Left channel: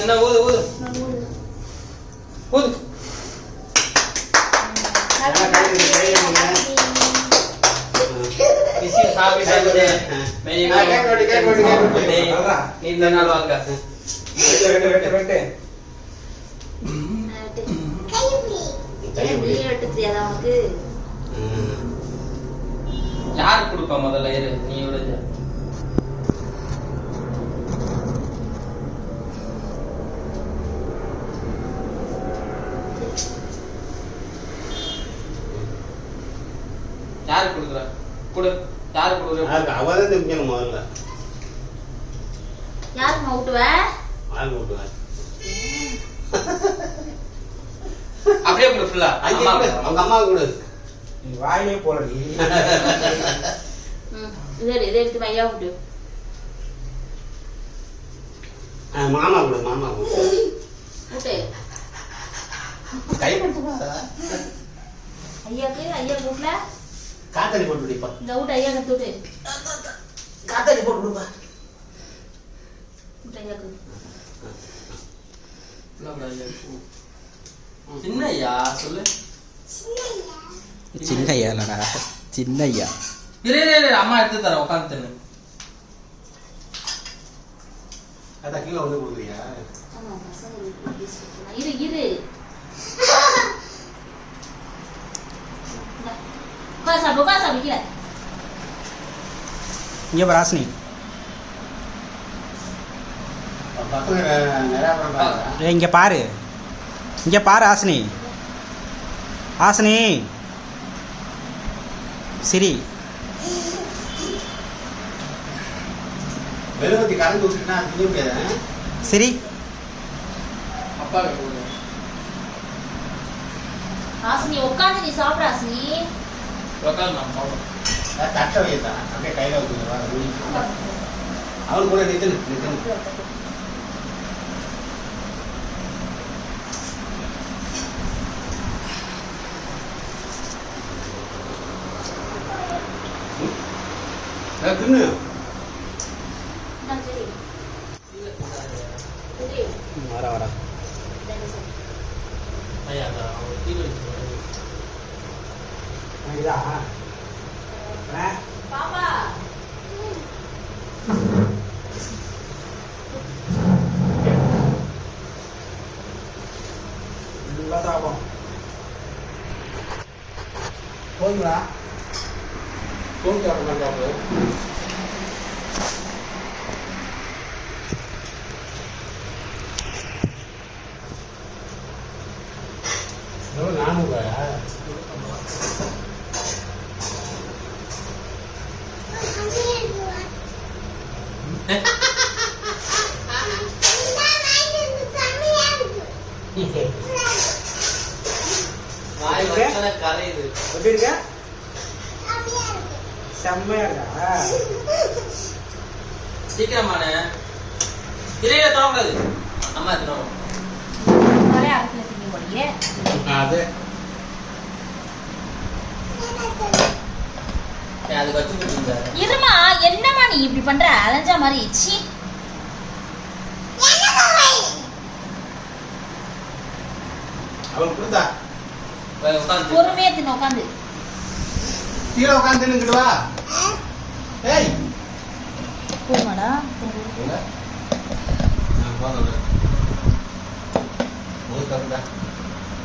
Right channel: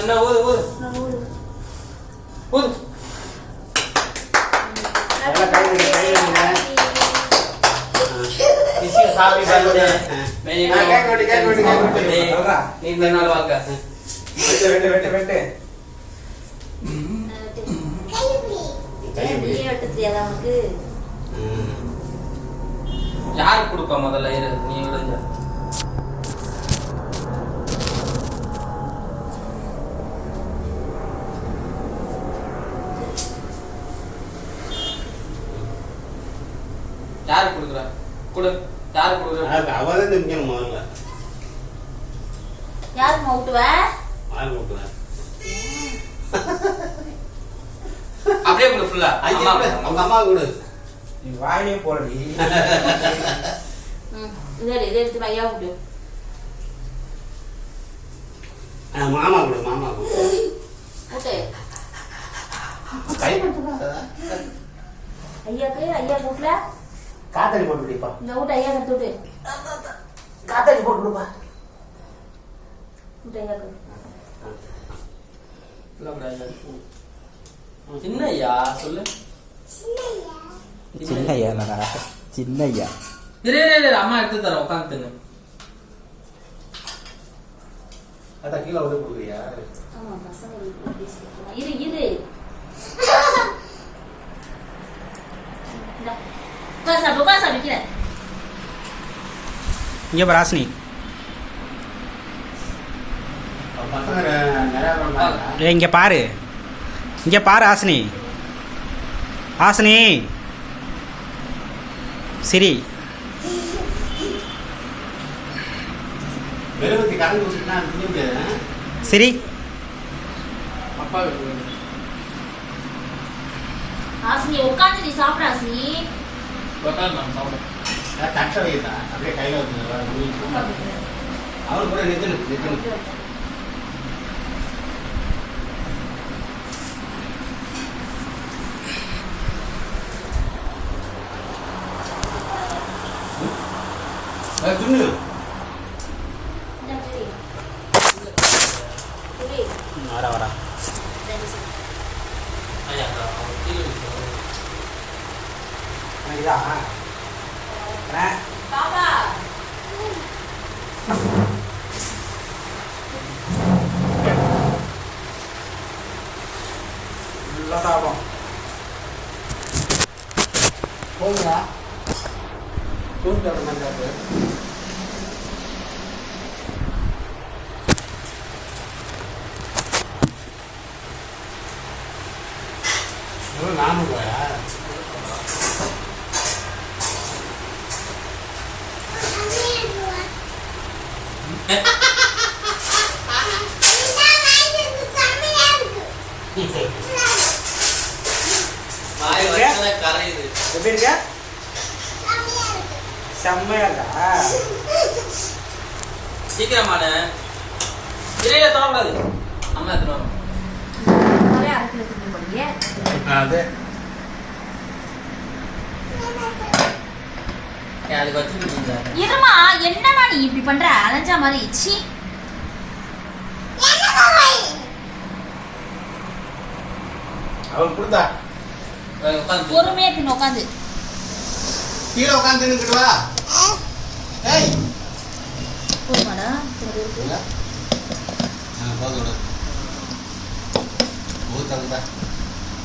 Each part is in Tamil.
என்ன ஊது ஊது ஊது. யாரு கொடுப்பா முதல்ல நீ விளைஞ்ச யாரு கொடுக்குறா கொடு. யாரு கொடுக்குறா? அவதான் நிக்கணும் முதல்ல. யாருக்கு ஊட்டுவ? ஆள் ஊட்டுவ. அப்படியே கொடு ஃபுல்லா. அம்மா அவங்க அம்மா கொடு. நீ வாயிலே போறடி. இதை எடுத்து ஐயா ஊட்டு. மாமா கொடு, மாமா கொடு. ஊட்டு. கை பண்ணா ஐயாக்கு ஐயா ஊட்டல. காத்தடி போட்டு விடுப்பா. இந்த ஊட்ட ஐயா கத்து விட்டு. காத்தடி போட்டு விடுப்பா. ஊட்ட ஐயாக்கு. சின்ன ஐயா சொல்லு. சின்ன ஐயா இல்லடா, சின்ன ஐயா. இரு அம்மா எடுத்து தரேன், உட்காந்து தின்னு. அதான் கீழே வந்து கொடுக்குறியா? ஆமா பசங்க இரு இரு. உட்காந்து கீழே. இங்க பாரு ஹாசினி. பசங்க நிறையா பண்ணுறாங்க. இங்க பாரு, இங்க பாரு ஹாசினி. ஹாசினி சரி. வெறுவத்தி கலந்து வச்சுட்டா அது திங்க முடியாது. சரி அப்பா ஹாசினி உட்காந்து நீ சாப்பிட. ஹாசினி உட்காந்து நான் சாப்பிடுறேன். தட்டை வைத்தா அப்படியே கையில் வச்சுருவா. அவரு கூட நிற்கணும். துண்ணு வரா ஐயா கீழே பாப்பா நல்லா சாப்பிடும். போதுங்களா? தூள் சாப்பிட நானூறுவாயா? கரையுது. எப்படி இருக்க? செம்மையாடா. சீக்கிரமான திரையில தோங்காது. அம்மா எத்தனை அது அதுக்கு வச்சுட்டு இருமா. என்னமா நீ இப்படி பண்ற? அலைஞ்சா மாதிரி. சி அவன் கொடுத்தா உட்காந்து பொறுமையா தின்னு. உட்காந்து கீழே உட்காந்து தின்னுக்கிட்டு வா. ஏய் போதுமாடா?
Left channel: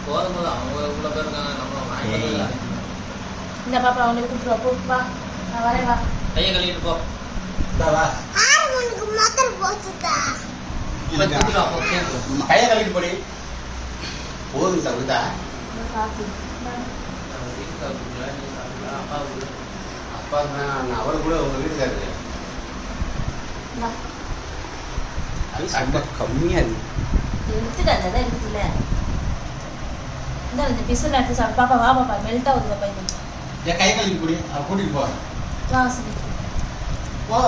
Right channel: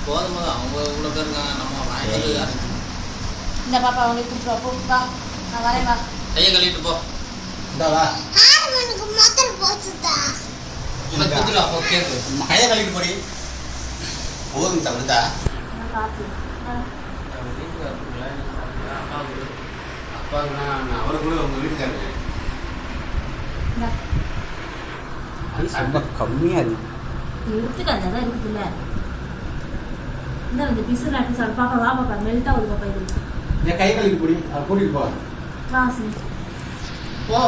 போதும் அவங்க இவ்வளோ பேர் இருக்காங்க. நம்ம வாங்கிட்டு இந்த பாப்பா அவனுக்கு கூப்பிட்டு போ. வா நான் வரேன். வா கையை கழுவிட்டு போ. வா கையை கழுவிட்டு போடி. போதும் தவிர்த்தா காப்பி அப்பா அவரு கூட உங்க வீட்டுக்காரு ரொம்ப கம்மியா இருக்கு. எடுத்துக்காத இருக்குல்ல. இந்த பிசல் எடுத்து சாப்பிடு. பாப்பா வா பாப்பா. மெல்ட் ஆகுது பாப்பா. இது கை கழுவிட்டு போடி. கூட்டிட்டு போ. காசு போ.